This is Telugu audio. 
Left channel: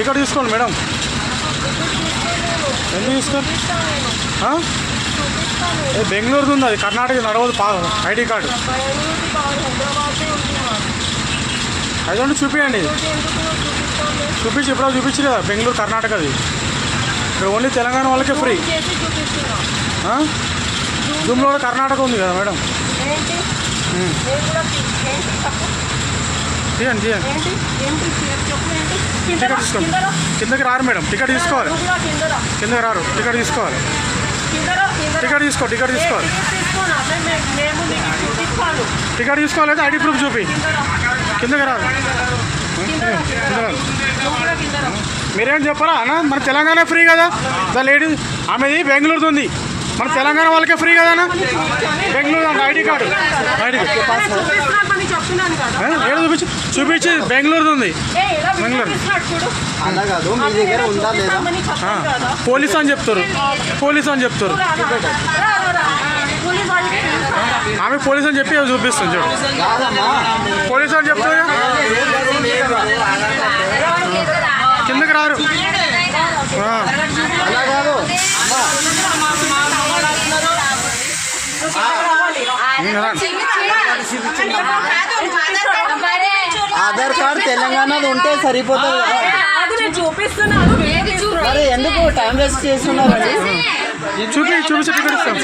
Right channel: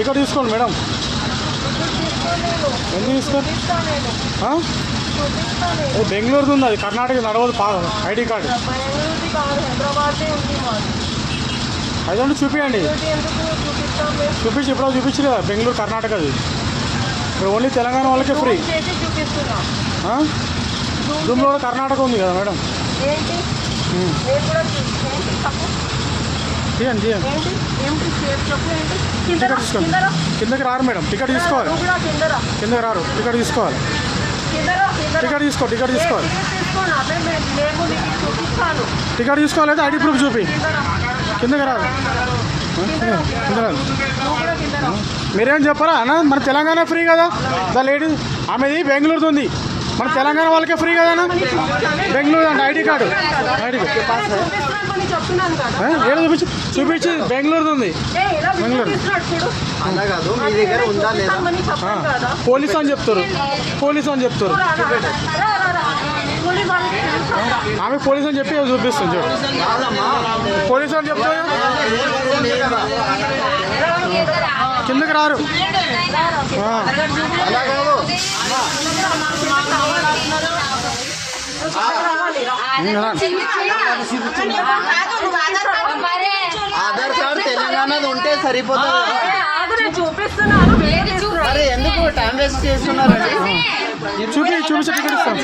టికెట్ తీసుకోండి మేడం. ఎందుకు తీసుకోండి? బెంగళూరుది ఉంది, అది కర్ణాటక నడవదు. ఐడి కార్డు అదండి, చూపించండి. చూపించి ఎప్పుడో చూపించి కదా, బెంగళూరు కర్ణాటకది. ఇక్కడ ఓన్లీ తెలంగాణ వాళ్ళకే ఫ్రీ. జూమ్లో కూడా కర్ణాటక ఉంది కదా మేడం. తీయండి తీయండి. టికెట్ తీసుకోండి. కిందకి రారు మేడం, టికెట్ తీసుకోవాలి. కిందకి రారు, టికెట్ తీసుకోవాలి. టికెట్ తీసుకోవాలి. టికెట్ తీసుకోవాలంటే ఐడి ప్రూఫ్ చూపి. కిందకి రాదు. మీరేం చెప్పరా అన్న? మన తెలంగాణ ఫ్రీ కదా. ద లేడీస్ ఆమెది బెంగళూరుది ఉంది, మన తెలంగాణ వాళ్ళకే ఫ్రీ కదా అన్న. బెంగళూరు అంటే ఐడి కార్డు చూపించి బెంగళూరుది ఉంది. బెంగళూరు పోలీస్ అని చెప్తారు. ఆమె పోలీస్ అని చెప్పి చూపిస్తాను చూడు. పోలీస్ అని చెప్తా. కిందకి రారు. ఆధార్ కార్డు తెలంగాణది ఉంటే సరిపోతుంది. చూపిస్తున్నాను, ఎందుకు టైం వేస్ట్ చేస్తున్నారండి? చూపించి టికెట్ ఇస్తాం.